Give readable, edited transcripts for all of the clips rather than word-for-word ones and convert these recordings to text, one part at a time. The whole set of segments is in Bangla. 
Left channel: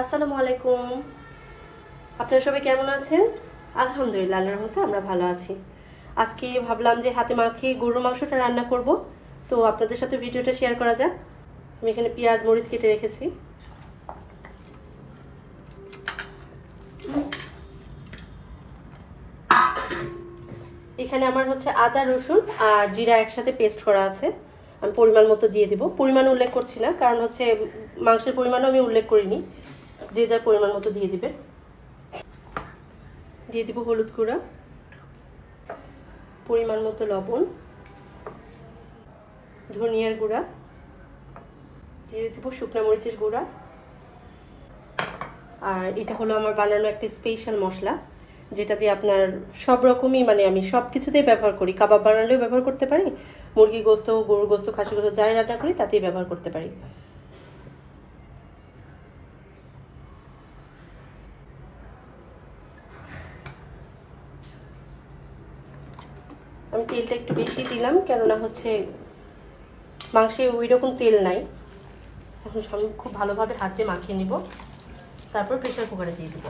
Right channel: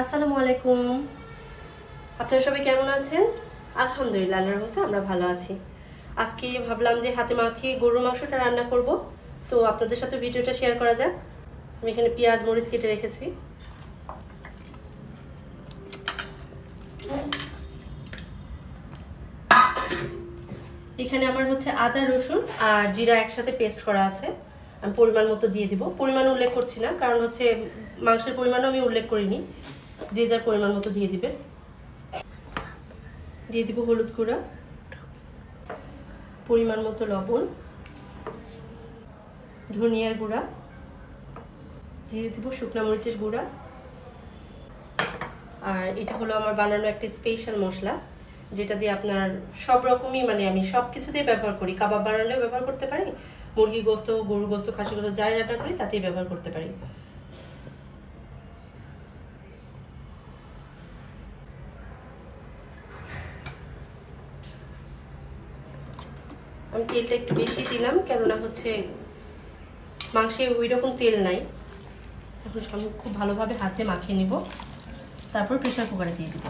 আসসালামু আলাইকুম। আপনারা সবাই কেমন আছেন? আলহামদুলিল্লাহ, আল্লাহর রহমতে আমরা ভালো আছি। আজকে ভাবলাম যে হাতে মাখিয়ে গরুর মাংসটা রান্না করব, তো আপনাদের সাথে ভিডিওটা শেয়ার করা যাক। আমি এখানে পেঁয়াজ মরিচ কেটে রেখেছি। এখানে আমার হচ্ছে আদা রসুন আর জিরা একসাথে পেস্ট করা আছে। আমি পরিমাণ মতো দিয়ে দিব, পরিমাণ উল্লেখ করছি না, কারণ হচ্ছে মাংসের পরিমাণও আমি উল্লেখ করিনি। যে যার পরিমাণ মতো দিয়ে দিবেন। দিয়ে দিব হলুদ গুঁড়া, পরিমাণ মতো লবণ, ধনিয়ার গুঁড়া, দিয়ে দিব শুকনো মরিচের গুঁড়া। আর এটা হলো আমার বানানো একটা স্পেশাল মশলা, যেটা দিয়ে আপনার সব রকমই আমি সব কিছুতেই ব্যবহার করি। কাবাব বানালেও ব্যবহার করতে পারি, মুরগি গোস্ত, গরুর গোস্ত, খাসি গোস্ত যাই রান্না করি তাতেই ব্যবহার করতে পারি। আমি তেলটা একটু বেশি দিলাম, কেননা হচ্ছে মাংসে ওই রকম তেল নাই। এখন আমি খুব ভালোভাবে হাতে মাখিয়ে নিব, তারপর প্রেসার কুকারে দিয়ে দিব।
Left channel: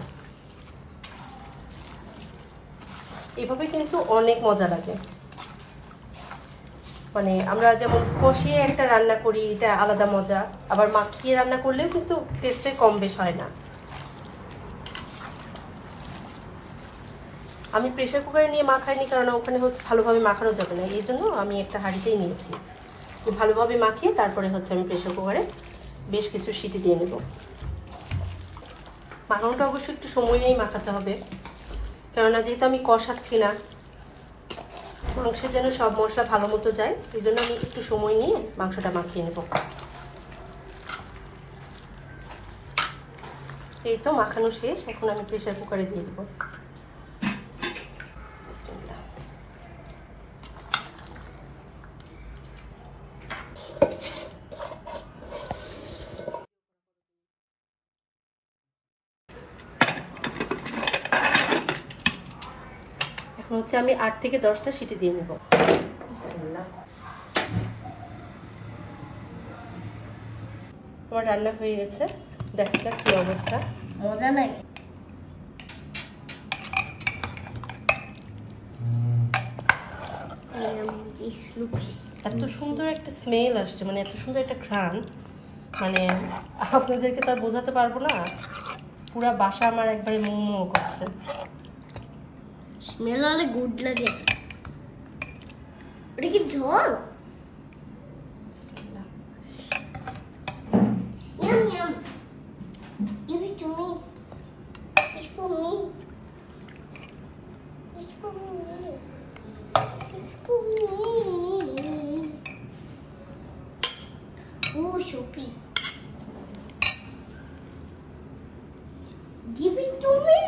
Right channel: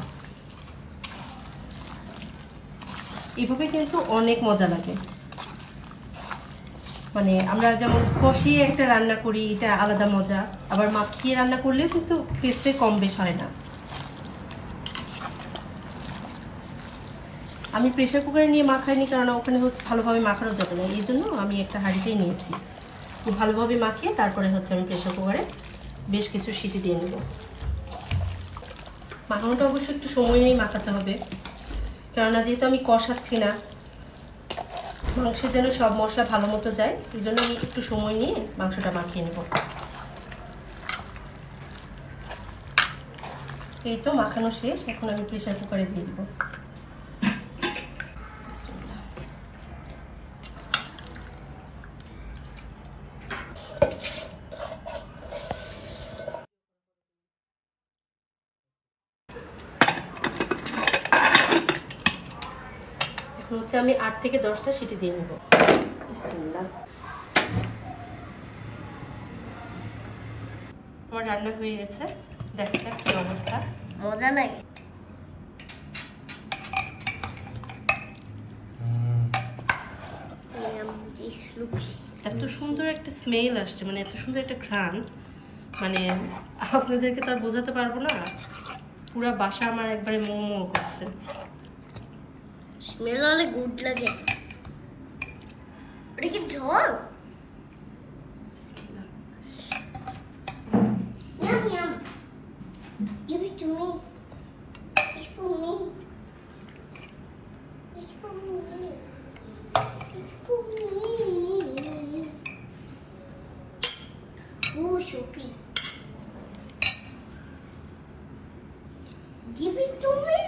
এভাবে কিন্তু অনেক মজা লাগে। আমরা যেমন কষিয়ে একটা রান্না করি, এটা আলাদা মজা, আবার মাখিয়ে রান্না করলে কিন্তু টেস্টের কম বেশ হয় না। আমি প্রেসার কুকারে নিয়ে মাখাইনি, কারণ ওখানে হচ্ছে ভালোভাবে মাখানো যাবে না, এই জন্য আমি একটা হাঁড়িতেই নিয়েছি। খুব ভালোভাবে মাখিয়ে তারপরে হচ্ছে আমি প্রেসার কুকারে বেশ কিছু সিটি দিয়ে নেব। মাখানোটা অবশ্যই একটু সময় নিয়ে মাখাতে হবে, কেননা যেহেতু আমি কষাচ্ছি না, মাংসের যেন সব মশলা ভালো মতো যায়, এই জন্য আমি একটু সময় নিয়ে মাংসটা মাখিয়ে নেব। এই তো মাখানো শেষ, এখন আমি প্রেসার কুকারে দিয়ে দেবো। হচ্ছে আমি 8 থেকে 10টা সিটি দিয়ে নেব। আমার রান্না হয়ে গেছে, দেখা যাক কি অবস্থা। মজা নাই? এত সুন্দর একটা স্মেল আসছে, এত সুন্দর একটা ঘ্রাণ, আপনাদেরকে তো আর বোঝাতে পারবো না। পুরো বাসা আমার একবারে মোমো করছে। স্মেল অনেক গুড লাগে। এটা কি ঝোল? Yum yum. Give it to me. It's for me. It's for me. It's for me. Ooh, soupy. Give it to me.